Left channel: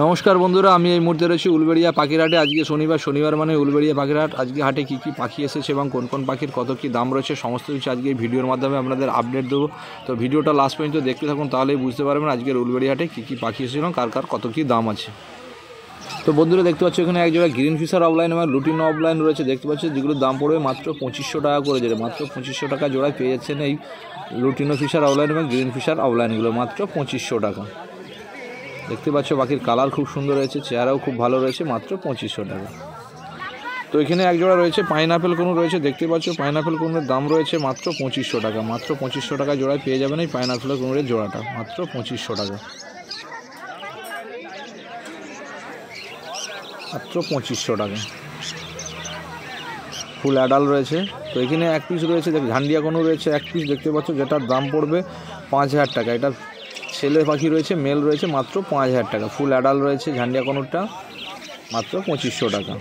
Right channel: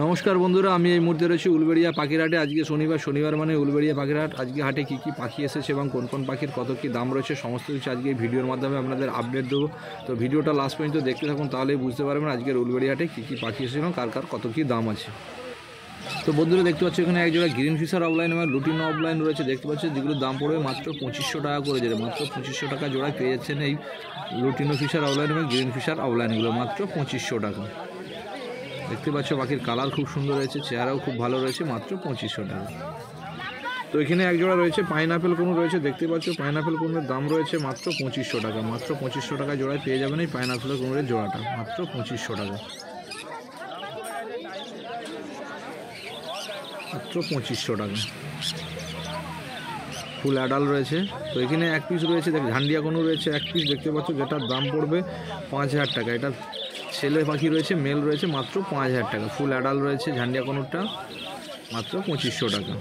नमस्कार बंधुरा আমি এই মুহূর্তে রয়েছি উলবেড়িয়া পাখির হাটে। আজকে শনিবার মানে উলবেড়িয়া পাখির হাট। আজকে হাটে কী কী পাখি এসেছে এবং কোন কোন পাখির কত কী দাম রয়েছে সমস্ত কিছু আজকে এই ভিডিওর মাধ্যমে আপনাদের আপডেট দেবো। তো ভিডিওটা লাস্ট পর্যন্ত দেখতে থাকুন, তাহলেই বুঝতে পারবেন আজকের উলবেড়িয়া হাটে কী কী পাখি এসেছে এবং কার কার কত কী দাম আছে। তো বন্ধুরা দেখতে পাচ্ছ এখানে একজোড়া গ্রিন ফিশার অফলাইন এবং লুটিনো অফলাইন রয়েছে দেখতে পাচ্ছ, যেগুলোর দাম পড়বে মাত্র 2500 টাকা করে। যেটা মাত্র 2500 টাকা জোড়ায় পেয়ে যাচ্ছেন এই লুটিনো ফিশার অফলাইন এবং গ্রিন ফিশার অফলাইনগুলো মাত্র 2500 টাকা। দেখতে পাচ্ছ পাখির কালার খুব সুন্দর রয়েছে, চেহারাও খুব ভালো রয়েছে, মাত্র 2500 টাকা। তো এখানে একজোড়া রয়েছে পাইনাপেল কোন রয়েছে দেখতে পাচ্ছ, পাইনাপেল কোনের দাম রয়েছে মাত্র 2500 টাকা। মাত্র 2500 টাকা জোড়ায় পেয়ে যাবেন এই পাইনাপেল কোনের জোড়াটা মাত্র 2500 টাকা, মাত্র 2500 টাকা। ফুল অ্যাডাল রয়েছে। তো এখানে এক পিস রয়েছে ঝান্ডিয়া কোনো রয়েছে এক পিস দেখতে পাচ্ছ, যেটার দাম পড়বে 5000 টাকা। এটা ছেলে পাখি রয়েছে, মেল রয়েছে, মাত্র 5000 টাকা। ফুল অ্যাডাল রয়েছে ঝান্ডিয়া কোনোরটা মাত্র 2500 টাকা।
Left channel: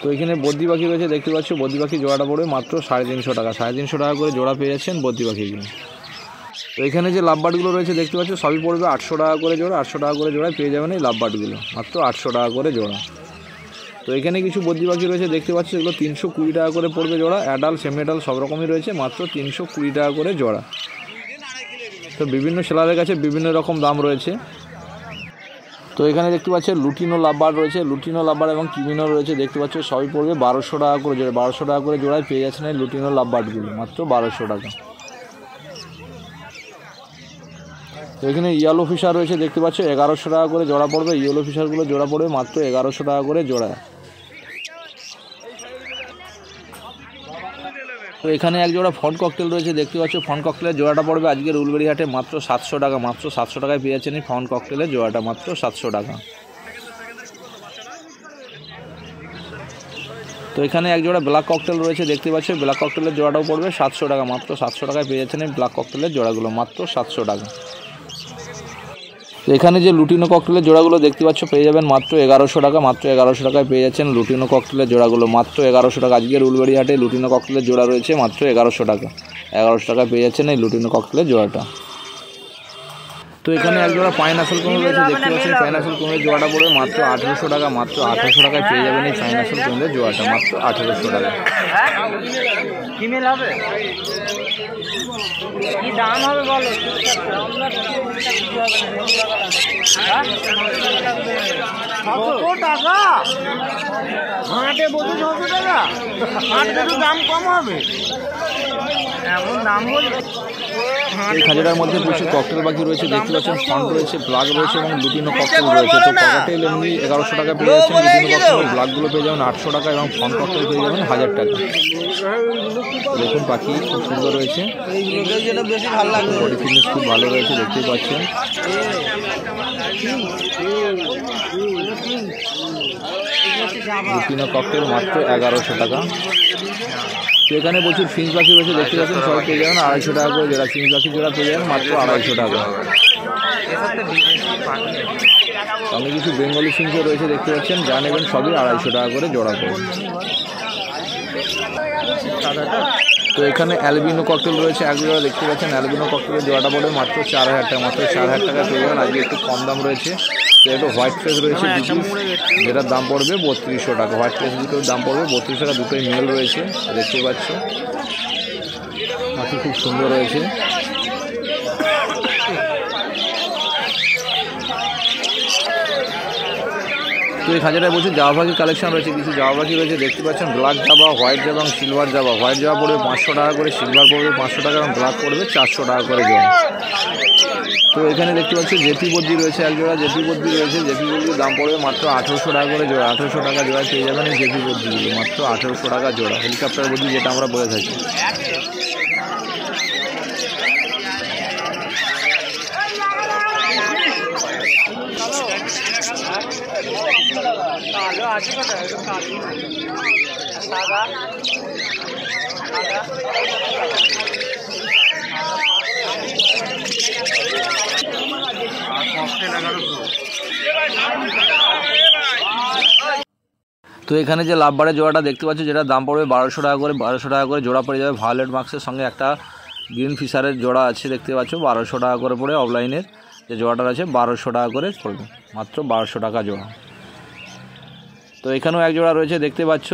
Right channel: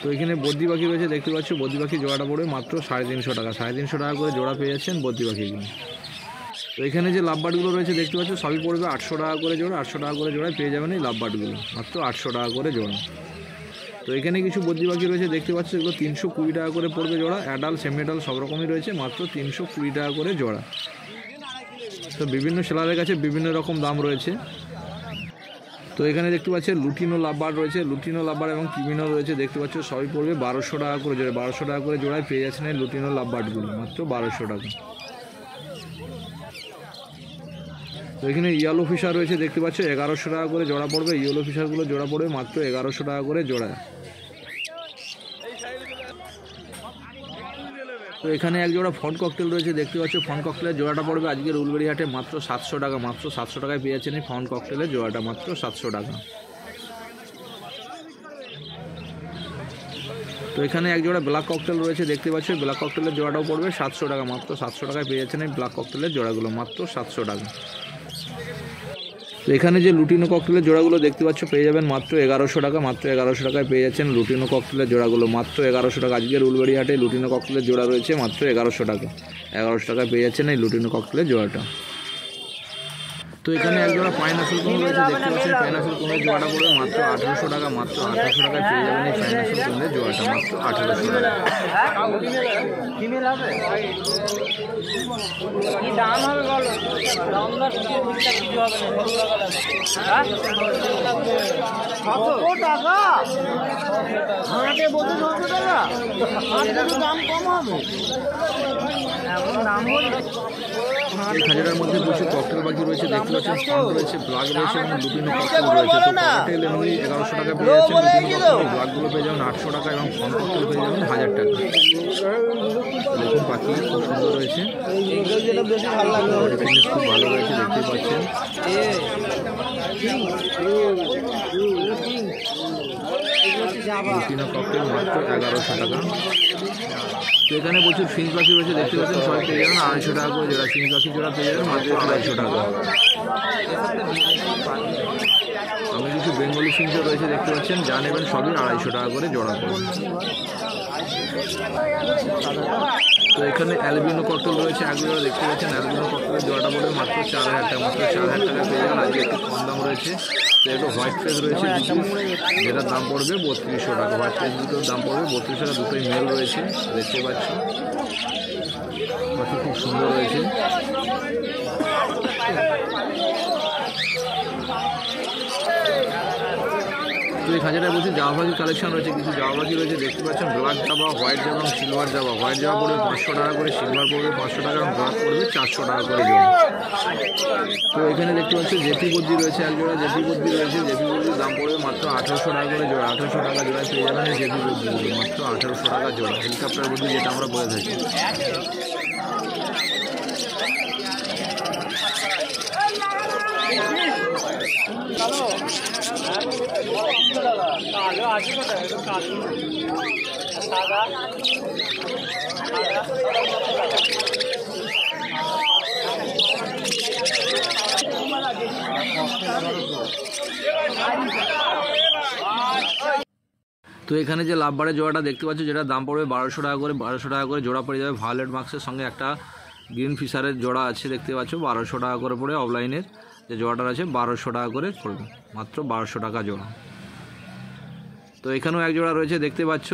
তো এখানে বদ্রি পাখি রয়েছে দেখতে পাচ্ছ, বদ্রি পাখি জোড়াটা পড়বে মাত্র 350 টাকা। 350 টাকা করে জোড়া পেয়ে যাচ্ছেন বদ্রি পাখিগুলো। তো এখানে যে লাভবার্ডগুলো রয়েছে দেখতে পাচ্ছ সবই পড়বে 800 টাকা করে জোড়া। 800 টাকা করে জোড়ায় পেয়ে যাবেন এই লাভবার্ডগুলো মাত্র 800 টাকা করে জোড়া। তো এখানে কিছু বদ্রি পাখি রয়েছে দেখতে পাচ্ছ, এগুলো 320 টাকা করে পড়বে জোড়া। অ্যাডাল সেমি অ্যাডাল সব রকমই রয়েছে, মাত্র 320 টাকা করে জোড়া। তো বিভিন্ন সেলারের কাছে বিভিন্ন রকম দাম রয়েছে। তো এখানে দেখতে পাচ্ছেন লুটিনো লাভবার্ড রয়েছে, লুটিনো লাভবার্ড এবং কিমিনো রয়েছে দেখতে পাচ্ছ, সবই পড়বে 1200 টাকা করে জোড়া। 1200 টাকা করে জোড়ায় পেয়ে যাচ্ছেন এই লুটিনো লাভবার্ডগুলো মাত্র 1200 টাকা। তো এখানে ইয়েলো ফিশার রয়েছে দেখতে পাচ্ছ, 1100 টাকা করে জোড়া পড়বে। ইয়েলো ফিশারগুলো জোড়া পড়বে মাত্র 1100 টাকা করে জোড়া। তো এখানে এক জোড়া ফন ককটেল রয়েছে দেখতে পাচ্ছ, ফন ককটেলের জোড়াটা পড়বে আজকের উলবেড়ি হাটে মাত্র 700 টাকা। মাত্র 700 টাকায় পেয়ে যাচ্ছেন এই ফন ককটেলের জোড়াটা মাত্র 700 টাকা। তো এখানে এক জোড়া ব্ল্যাক ককটেল রয়েছে দেখতে পাচ্ছ, ব্ল্যাক ককটেলের জোড়াটাও পড়বে 700 টাকা। মাত্র 700 টাকায় পেয়ে যাচ্ছেন এই ব্ল্যাক ককটেলের জোড়াগুলো মাত্র 700 টাকা। তো এখানে যে লুটিনো ককটেলের জোড়াগুলো দেখতে পাচ্ছ পেয়ে যাবেন মাত্র 1100 টাকা। মাত্র 1100 টাকায় পেয়ে যাচ্ছেন লুটিনো ককটেলের জোড়াগুলো মাত্র 1100 টাকা। আজকের উলবেড়ি হাটে লুটিনো ককটেলের জোড়া রয়েছে মাত্র 1100 টাকা। 1100 টাকায় পেয়ে যাচ্ছেন এই লুটিনো ককটেলের জোড়াটা। তো এখানে এক জোড়া পাইনাপেল কোন রয়েছে দেখতে পাচ্ছেন, পাইনাপেল কোনের জোড়াটা পড়বে মাত্র 1800 টাকা। মাত্র 1800 টাকায় পেয়ে যাবেন এই পাইনাপেল কোনের জোড়াটা মাত্র 1800 টাকা। এই খাঁচাটার মধ্যে বসে ককটেল পাখি রয়েছে দেখতে পাচ্ছেন, ফন রয়েছে, ব্ল্যাক রয়েছে এবং লুটিনো ককটেল রয়েছে। তো ককটেল এমনি 1100 টাকা পেয়ে যাচ্ছেন, লুটিনো ককটেল ব্ল্যাকগুলো পেয়ে যাবেন 800 টাকা এবং ফন ককটেল পেয়ে যাবেন 1000 টাকা। দেখুন পাখি খুব সুন্দর রয়েছে, বডি ফিটনেস খুব ভালো রয়েছে দেখতে পাচ্ছেন। লুটিনো ককটেল মাত্র 1100 টাকা। তো এখানে প্রচুর ফিঞ্চ পাখি রয়েছে দেখতে পাচ্ছেন, সবাই পেয়ে যাবেন 250 টাকা করে জোড়া। ফিঞ্চ পাখি জোড়া পেয়ে যাবেন মাত্র 250 টাকা। সঙ্গে কিছু বেঙ্গলি ফিঞ্চও রয়েছে দেখতে পাচ্ছেন, যা নেবেন সবই 250 টাকা করে জোড়া পড়বে। তো এখানে অ্যালবিনো ককটেল রয়েছে এক জোড়া দেখতে পাচ্ছেন, অ্যালবিনো ককটেলের জোড়াটা পড়বে মাত্র 4000 টাকা। মাত্র 4000 টাকা পেয়ে যাবেন। আজকে একটু কম দাম রয়েছে। তো এটা হোয়াইট ফেস রয়েছে, যেটার দাম পড়বে 3200 টাকা। হোয়াইট ফেস দুটোর দাম পড়বে 3200 টাকা। দুটোই মেল রয়েছে দেখতে পাচ্ছ, পাখি খুব সুন্দর রয়েছে। তো এই খাঁচাটায় বলছি জাভা পাখি কালেকশন রয়েছে, কিছু জাভা পাখি রয়েছে দেখতে পাচ্ছেন, ব্ল্যাক জাভা, হোয়াইট জাভা এবং সিলভার জাভা। হোয়াইট জাভা পড়বে 500 টাকা করে, সিলভার পড়বে 500 টাকা এবং ব্ল্যাক পড়বে 400 টাকা করে জোড়া। তো এখানে দেখতে পাচ্ছি জেপি বদ্রি রয়েছে এক জোড়া, জেপি বদ্রি রয়েছে। জেপি বদ্রির দাম পড়বে মাত্র 1800 টাকা করে জোড়া। 1800 টাকা জোড়া পেয়ে যাবেন এই জেপি বদ্রিগুলো মাত্র 1800 টাকা জোড়া। হেলিকপ্টার বদ্রি যেটা আমরা বলে থাকি। তো এখানে যে লাভবারের জোড়াটা দেখতে পাচ্ছ, যেটা দাম পড়বে 1200 টাকা করে। 1200 টাকা করে জোড়া পড়ে যাবে। ভায়োলেট মার্কসের সঙ্গে একটা গ্রিন ফিশারের জোড়া আছে দেখতে পাচ্ছ 1200 টাকা করে পড়ে। অফলাইনের যে জোড়াটা আছে 1200 টাকা করে পড়বে, মাত্র 1200 টাকা জোড়া। তো এখানেও এক জোড়া রয়েছে দেখতে পাচ্ছ।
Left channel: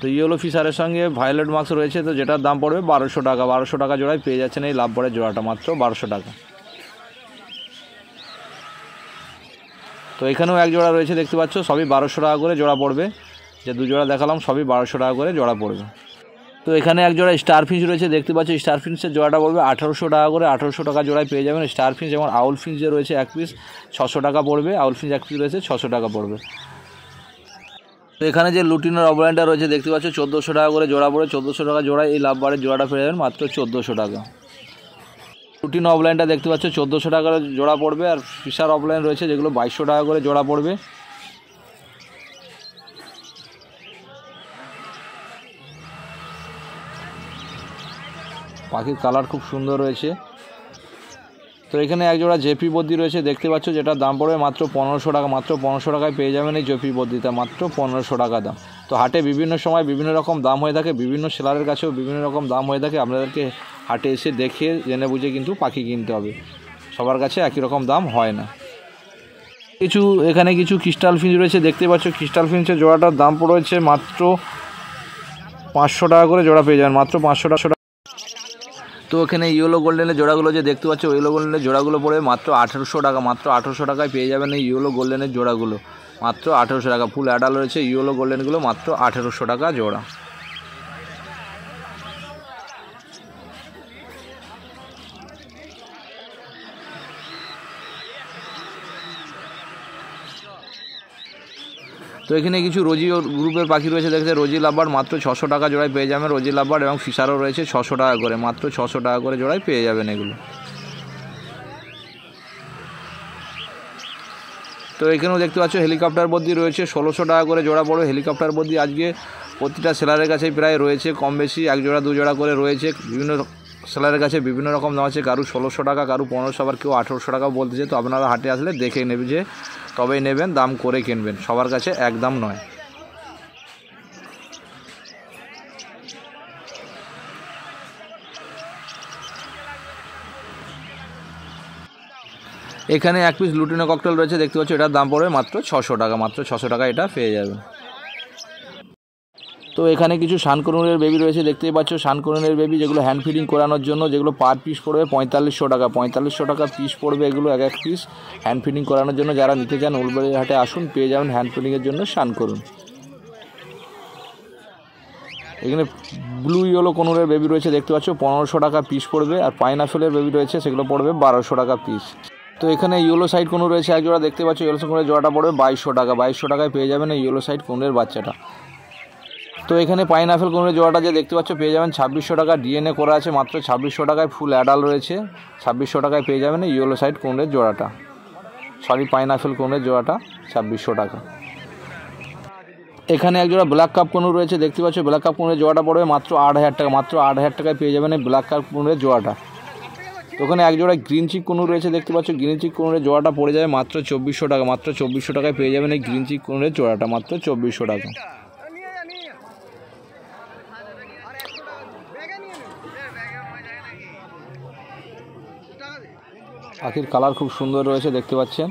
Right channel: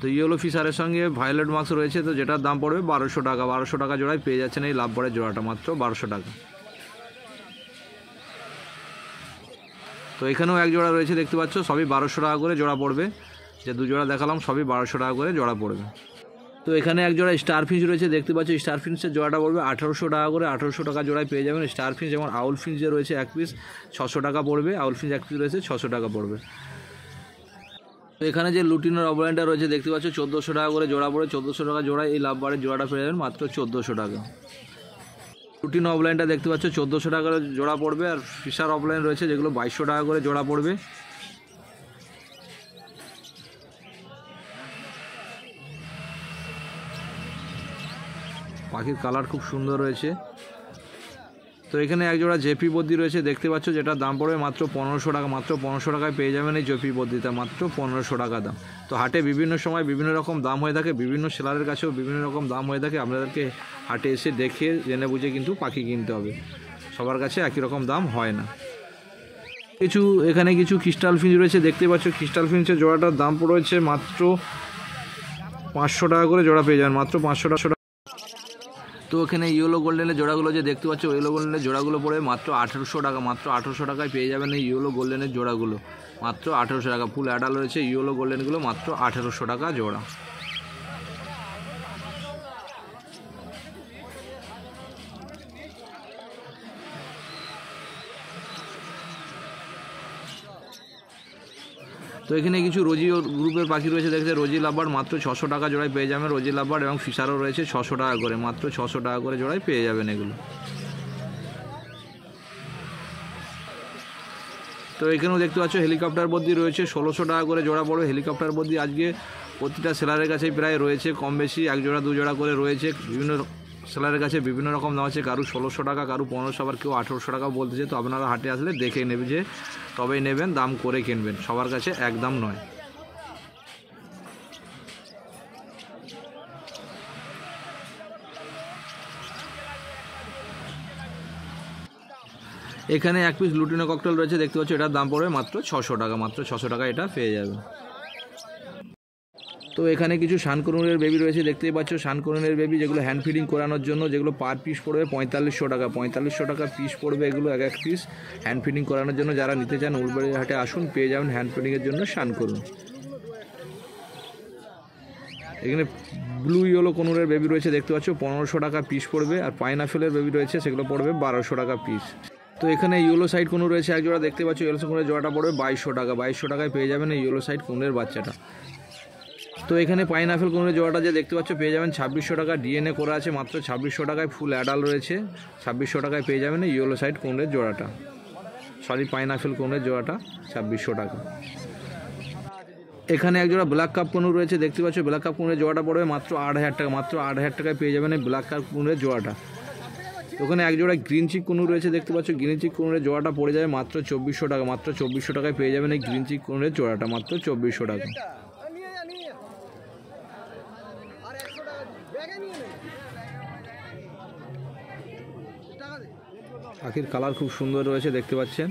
তো ইয়েলো ফিশারের সঙ্গে ভায়োলেট মাস্ক রয়েছে, তো যেটার দাম পড়বে 1200 টাকা। 1200 টাকা জোড়ায় পেয়ে যাচ্ছেন এই লাভবারের জোড়াটা, মাত্র 1200 টাকা। তো এখানেও এক জোড়া রয়েছে দেখতে পাচ্ছ, সবই 1200 টাকা করে জোড়া পড়বে। যে দু জোড়া দেখালাম সবই 1200 টাকা করে জোড়া পড়বে। তো এখানে এক জোড়া স্টার ফিঞ্চ রয়েছে দেখতে পাচ্ছ, স্টার ফিঞ্চের জোড়াটা পড়বে 1800 টাকা করে। 1800 টাকা জোড়ায় পেয়ে যাবেন স্টার ফিঞ্চ। যেমন আউল ফিঞ্চ যে রয়েছে এক পিস 600 টাকা পড়বে, আউল ফিঞ্চ এক পিস রয়েছে 600 টাকা পড়বে। তো এখানে যে লুটিনোর অফলাইনটা রয়েছে দেখতে পাচ্ছ 1400 টাকা করে জোড়া পড়ে। 1400 টাকা জোড়ায় এই লাভবারের জোড়াটা পেয়ে যাবেন মাত্র 1400 টাকা। লুটিনো অফলাইনটা দেখতে পাচ্ছ 1400 টাকা জোড়া পড়বে। আর ফিশার অফলাইন রয়েছে যেগুলো 2200 টাকা করে জোড়া পড়বে। পাখির কালার খুব সুন্দর রয়েছে। তো এখানে এক জোড়া জেপি বদ্রি রয়েছে দেখতে পাচ্ছ, যেটার দাম পড়বে মাত্র 1500 টাকা। মাত্র 1500 টাকায় পেয়ে যাবেন এই জেপি বদ্রিটা, মাত্র 1500 টাকা দাম। তো হাটে বিভিন্ন সময় বিভিন্ন রকম দাম হয়ে থাকে, বিভিন্ন সেলারের কাছেও বিভিন্ন রকম দাম হয়ে থাকে। আপনাদেরকে হাটে এসে দেখে জেনে বুঝে কিন্তু পাখি কিনতে হবে, সবার কাছে একই রকম দাম হয় না। এখানে কিছু ক্রিস্টাল ফিঞ্চ রয়েছে দেখতে পাচ্ছ। ক্রিস্টাল ফিঞ্চের জোড়াটার দাম পড়েছে মাত্র 500 টাকা করে জোড়া পেয়ে যাবেন, মাত্র 500 টাকা। তো এখানে ইয়েলো গোল্ডেনের জোড়াগুলো যে দেখতে পাচ্ছ, ইয়েলো গোল্ডেনের জোড়াগুলো পড়ে মাত্র 1800 টাকা। মাত্র 1800 টাকায় পেয়ে যাবেন এই ইয়েলো গোল্ডেনের জোড়াগুলো, মাত্র 1800 টাকা। ফুল অ্যাডাল রয়েছে ইয়েলো গোল্ডেনগুলো, মাত্র 1800 টাকা জোড়া। তো এখানে কিছু রোজি গ্রুপের পাখি রয়েছে দেখতে, রোজি লাভবার্ড মাত্র 600 টাকা জোড়ায় পেয়ে যাবেন। রোজি লাভবার্ড এবং ফিশারও রয়েছে 600 টাকা করে, মাত্র 600 টাকা করে জোড়ায় পেয়ে যাবেন এগুলো। তো এখানেও দেখতে পাচ্ছ হেলিকপ্টার বদ্রি রয়েছে 1600 টাকা করে জোড়া পড়বে। হেলিকপ্টার বদ্রি আজকে প্রতিটা সেলারের কাছেই প্রায় রয়েছে কম বেশি, এক জোড়া দু জোড়া করে রয়েছে। বিভিন্ন সেলারের কাছে বিভিন্ন রকম দাম আছে, কারু 1600 টাকা, কারু 1500, আবার কেউ 1800 টাকাও বলতেছে। তো আপনারা হাটে আসলে দেখে নেবে, যে তবেই নেবেন, দাম করে কিনবেন, সবার কাছে এক দাম নয়। এখানে এক পিস লুটিনো ককটেল রয়েছে দেখতে পাচ্ছ, এটার দাম পড়বে মাত্র 600 টাকা। মাত্র 600 টাকা এটা পেয়ে যাবে। তো এখানে কিছু শানকনুরের বেবি রয়েছে দেখতেই পাচ্ছ, শানকনুরের বেবি যেগুলো হ্যান্ড ফিডিং করানোর জন্য, যেগুলো পার পিস পড়বে 4500 টাকা। 4500 টাকা পিস পড়বে এগুলো, এক এক পিস হ্যান্ড ফিডিং করানোর জন্য। যারা নিতে চান উলবেড়িয়া হাটে আসুন, পেয়ে যাবেন হ্যান্ড ফিডিংয়ের জন্য শানকনুর। এখানে ব্লু ইয়েলো কনুরের বেবি রয়েছে দেখতে পাচ্ছ, 1500 টাকা পিস পড়বে। আর পাইনাপেলের বেবি রয়েছে, সেগুলো পড়বে 1200 টাকা পিস। তো এখানে ইয়েলো সাইড কনুর রয়েছে এক জোড়া দেখতে পাচ্ছ, ইয়েলো সাইড কনুরের জোড়াটা পড়বে 2200 টাকা। 2200 টাকায় পেয়ে যাবেন এই ইয়েলো সাইড কনুরের বাচ্চাটা। তো এখানে পাইনাপেল কনুরের জোড়াটা যে দেখতে পাচ্ছ পেয়ে যাবেন 2600 টাকা, ডিএনএ করা আছে, মাত্র 2600 টাকায়। ফুল অ্যাডাল রয়েছে, 2600 টাকায় পেয়ে যাবেন এই ইয়েলো সাইড কনুরের জোড়াটা, সরি পাইনাপেল কনুরের জোড়াটা 2600 টাকা। এখানে এক জোড়া ব্ল্যাক কাপ কনুর রয়েছে দেখতে পাচ্ছ, ব্ল্যাক কাপ কনুরের জোড়াটা পড়বে মাত্র 8000 টাকা। মাত্র 8000 টাকায় পেয়ে যাবেন এই ব্ল্যাক কাপ কনুরের জোড়াটা। তো ওখানে এক জোড়া গ্রিন চিক কনুর রয়েছে দেখতে পাচ্ছ, গ্রিন চিক কনুরের জোড়াটা পড়ে যাবে মাত্র 2400 টাকা। মাত্র 2400 টাকায় পেয়ে যাবেন এই গ্রিন চিক কনুরের জোড়াটা, মাত্র 2400 টাকা। পাখির কালার খুব সুন্দর রয়েছে দেখতে পাচ্ছেন।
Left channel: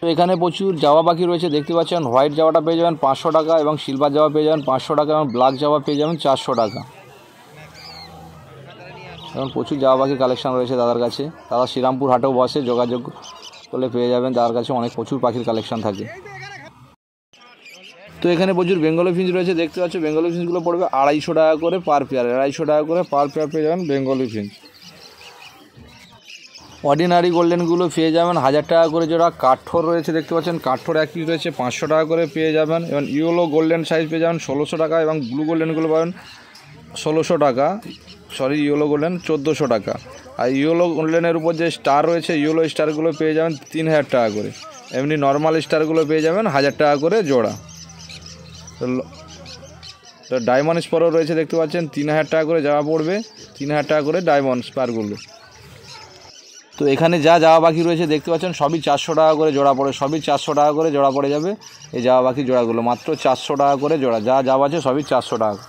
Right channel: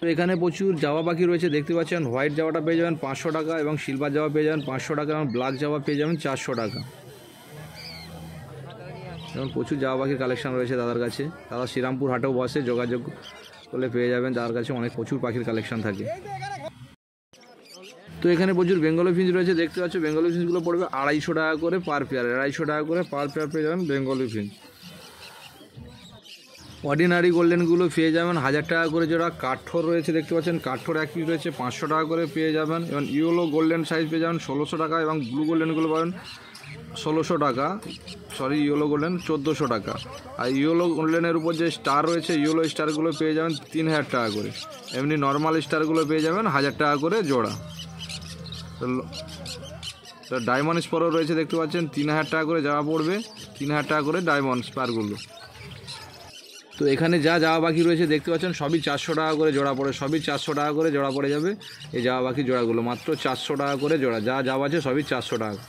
তো এখানে প্রচুর জাওয়া পাখি রয়েছে দেখতে পাচ্ছেন। হোয়াইট জাওয়াটা পেয়ে যাবেন 500 টাকা, এবং সিলভার জাওয়া পেয়ে যাবেন 500 টাকা, এবং ব্ল্যাক জাওয়া পেয়ে যাবেন 400 টাকা। এবং প্রচুর জাওয়া পাখির কালেকশান রয়েছে দাদার কাছে। দাদা শ্রীরামপুর হাটেও বসে, যোগাযোগ করলে পেয়ে যাবেন, দাদার কাছে অনেক প্রচুর পাখির কালেকশান থাকে। তো এখানে প্রচুর বেঙ্গলি ফিঞ্চ রয়েছে দেখতে পাচ্ছ, বেঙ্গলি ফিঞ্চগুলো পড়বে 250 টাকা করে পার পেয়ার। 250 টাকা করে পার পেয়ার পেয়ে যাবেন বেঙ্গলি ফিঞ্চ। অর্ডিনারি গোল্ডেনগুলো পেয়ে যাবেন 1000 টাকা করে জোড়া। কাঠঠোর রয়েছে দেখতে পাচ্ছেন, কাঠঠোর এক পিস রয়েছে 500 টাকা করে পেয়ে যাবেন। এবং ইয়েলো গোল্ডেন সাইজ পেয়ে যাবেন 1600 টাকা, এবং ব্লু গোল্ডেনগুলো পাবেন 1600 টাকা, সরি ইয়েলো গোল্ডেন 1400 টাকা। আর ইয়েলো গোল্ডেনের উপর যে স্টার রয়েছে, ইয়েলো স্টারগুলো পেয়ে যাবেন 3000 টাকা করে। এমনি নর্মাল স্টারগুলো পেয়ে যাবেন 1000 টাকা করে জোড়া। তো ডায়মন্ড স্পারও রয়েছে দেখতে পাচ্ছেন, 3000 টাকা করে যাওয়া পড়বে, 3000 টাকা করে ডায়মন্ড স্পারগুলো। তো এখানে যা জাওয়া পাখি রয়েছে দেখতে পাচ্ছেন, সবই 400 টাকা করে জোড়া পড়ে, সবই 400 টাকা করে জোড়া পড়ে যাবে এই জাওয়া পাখি জোড়াগুলো, মাত্র 400 টাকা করে জোড়া। যা জাওয়া আছে সবই 400 টাকা।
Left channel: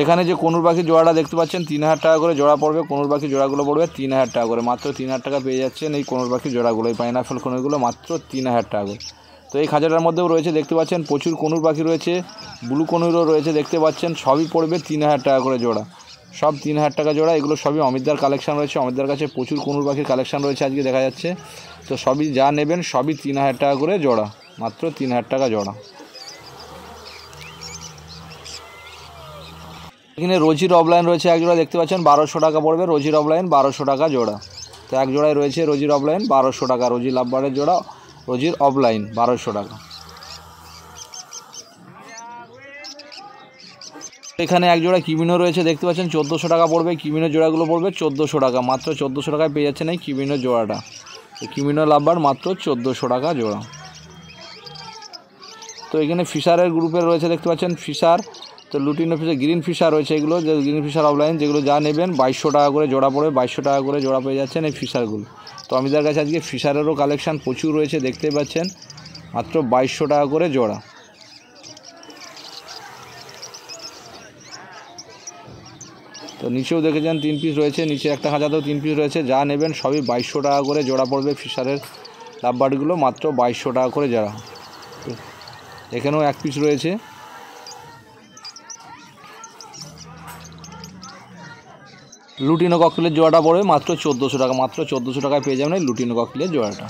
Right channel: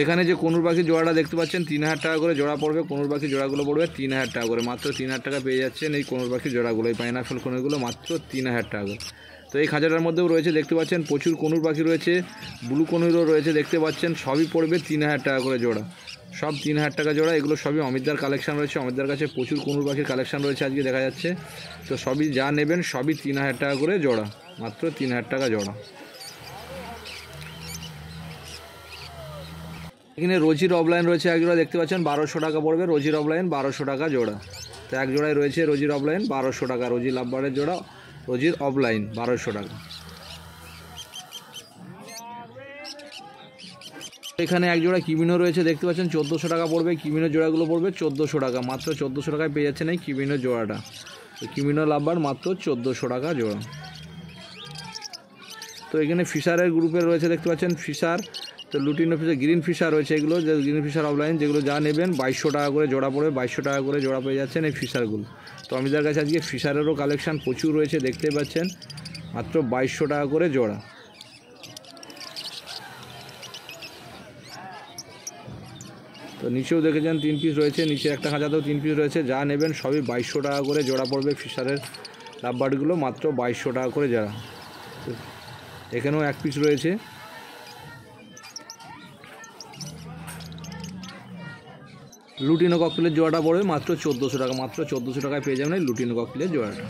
এখানে যে কনুর পাখির জোড়াটা দেখতে পাচ্ছেন 3000 টাকা করে জোড়া পড়বে। কনুর পাখির জোড়াগুলো পড়বে 3000 টাকা করে, মাত্র 3000 টাকা পেয়ে যাচ্ছেন এই কনুর পাখির জোড়াগুলো, এই পাইনাপেল কনুরগুলো মাত্র 3000 টাকা করে। তো এই খাঁচাটার মধ্যেও রয়েছে দেখতে পাচ্ছেন প্রচুর কনুর পাখি রয়েছে, ব্লু কনুরও রয়েছে দেখতে পাচ্ছেন, সবই পড়বে 3000 টাকা করে জোড়া, সব 3000 টাকা জোড়া। এগুলো সবই অমিতদার কালেকশান রয়েছে, অমিতদার কাছে প্রচুর কনুর পাখির কালেকশান রয়েছে আজকে দেখা যাচ্ছে। তো সবই যা নেবেন সবই 3000 টাকা করে জোড়া, মাত্র 3000 টাকা জোড়া। এখানে রোজির অফলাইন রয়েছে এক জোড়া দেখতে পাচ্ছেন 1200 টাকা পড়বে, রোজির অফলাইন 1200 টাকা জোড়া। তো এক জোড়ায় রয়েছে রোজির অফলাইন 1200 টাকা, রোজি লাভবারের জোড়া রোজির অফলাইন 1200 টাকা। এখানে এক জোড়া কিমিনো রয়েছে দেখতে পাচ্ছেন 1400 টাকা পড়বে, কিমিনো জোড়াগুলো পড়বে 1400 টাকা, মাত্র 1400 টাকায় পেয়ে যাচ্ছেন এই কিমিনো জোড়াটা। তো কিমিনো লাভবার মাত্র 1400 টাকা জোড়া। তো এখানে ফিশারের গ্রুপের রয়েছে দেখতে পাচ্ছেন ফিশার, তো লুটিনো ফিশার, গ্রিন ফিশার রয়েছে, এগুলো যে গ্রিন ফিশার অফলাইন যেগুলো যা নেবেন 2200 টাকা করে জোড়া পড়বে, 2200 টাকা করে জোড়া পেয়ে যাচ্ছেন এই ফিশারগুলো। তো আমাদের কাছে আজকে ফিশারেরও কালেকশান প্রচুর রয়েছে দেখতে পাচ্ছেন, মাত্র 2200 টাকা করে জোড়া। তো নিচেও দেখেছেন 3 পিস রয়েছে, নিচে একটা খাঁচাতেও 3 পিস রয়েছে, যা নেবেন সবই 2200 টাকা করে জোড়া পড়বে ফিশারের লাভবার্ডগুলো, মাত্র 2200 টাকা করে জোড়া। এখানেও 1 পিস রয়েছে। লুটিনো ককটেলের জোড়াটা পড়বে মাত্র 1400 টাকা, মাত্র 1400 টাকায় পেয়ে যাবেন এই লুটিনো ককটেলের জোড়াটা।